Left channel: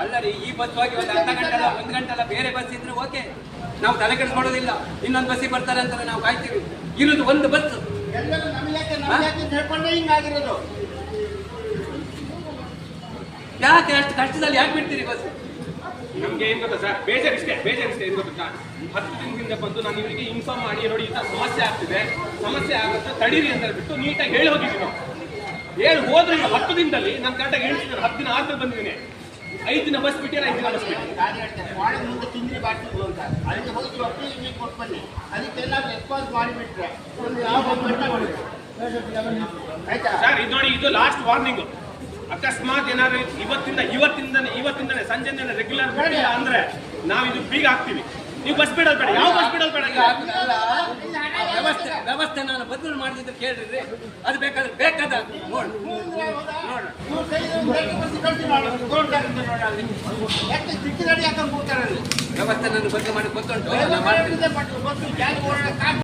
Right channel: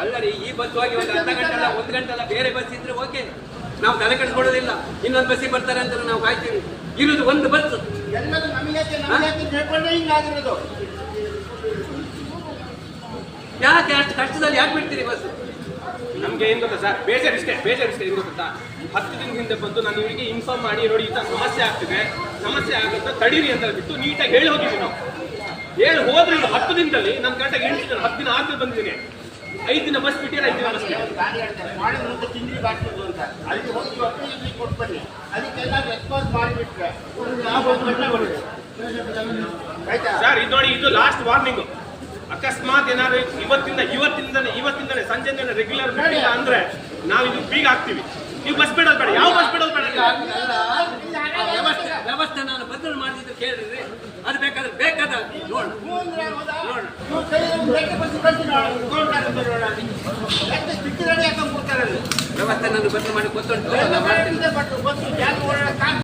ಅಲ್ಲ. ರೀ ಈ ಬಸ್ ಹೋಗಿ ಒಂದು ಅರ್ಧ ಗಂಟೆ ಅಲ್ಲ ಒಂದು ಗಂಟೆ ಅಲ್ಲ ಬೇರೆ ಬಸ್ ಇದ್ರೆ ಓಕೆ ನಾವು ತಲೆ ಕೆಡಿಸ್ಕೊಳ್ಳೋದಿಲ್ಲ. ಇನ್ನೊಂದು ಬಸ್ಸಿಗೆ ಬರ್ತಾರೆ ಅಂತ ನಾವು ಕಾಯ್ತೀವಿ. ಇರುವುದು ಒಂದು ಬಸ್ ಎಲ್ಲರೂ ನಮಗೆ ಹಿಂಗಾಗಿರೋದು? ಯಾಕೆ ಅಷ್ಟು ಕಷ್ಟದಲ್ಲಿ ಯಾಕೆ ಬಿಡ್ತೀರಿ ಬಸ್ ನಮಗೆ ಏನು ಗೊತ್ತಾ ಸರ್ ಬೇಜಾರ್ ಇಷ್ಟೇ ಬೇಜಾರ್ ಇಷ್ಟೇ ಏನ್ ಗೊತ್ತಾ ಹತ್ತು ದಿನ ಹಿಂದೆ ಬಂದು ನಾನು ನಿಮಗೆ ಇನ್ಫಾರ್ಮ್ ಮಾಡಿ ನೋಡಿ ಈ ತರ ಸಮಸ್ಯೆ ಆಗ್ತಿದೆ. ಸಮಸ್ಯೆ ಆಗುತ್ತೆ ತಡೀರಿ ಅಂತ ಬಿಟ್ಟು ನೀಟಾಗಿ ಹೇಳಿ ಹೋಗಿದ್ವಿ ನಾವು. ಹೇಳಿ ಹೋದ್ರೆ ಇವ್ರು ಹತ್ತು ದಿನದಲ್ಲಿ ನನ್ನ ಕರೆಕ್ಟಾಗಿ ಎಣಿಸಿದ್ರು ಹತ್ತು ದಿನ ಆದ್ರೆ ಬಂದಿದ್ದೀನಿ. ಐದು ದಿನ ಬಸ್ ಬಿಟ್ಟಿಲ್ಲ ಐದು ದಿನ ಬಸ್ ಸರ್ ಇದು ನೋಡಿ ಇದು ಲಾಸ್ಟ್ ವಾರ್ನಿಂಗ್ ಅಕಸ್ಮಾತ್ ಏನಾದ್ರು ಇವತ್ತಿಂದ ಇವತ್ತಿಂದ ಇವತ್ತಿಂದನೇ ಸಂಜೆಯಿಂದನೇ ರೆಗ್ಯುಲರ್ ಬಿಟ್ಟಿಲ್ಲ ಅಂದ್ರೆ ನಾವು ಇದು ಬೀಗ ಹಾಕ್ತೀವಿ. ನೀವು ಬಸ್ ಬಿಡೋದು ಬೇಡ ಯಾವ ಬಸ್ ಬಿಡೋದು ಬೇಡ? ವ್ಯವಸ್ಥೆ ವ್ಯವಸ್ಥೆ ನಾನು ಬದಲು ಮಾಡಿದ್ದು ಕೇಳಿದ್ರೆ ಅದು ಬೇಕಾದ್ರೆ ವ್ಯವಸ್ಥೆ ನಾನು ಬದಲು ಮಾಡಿ ಗೊತ್ತುಂಟು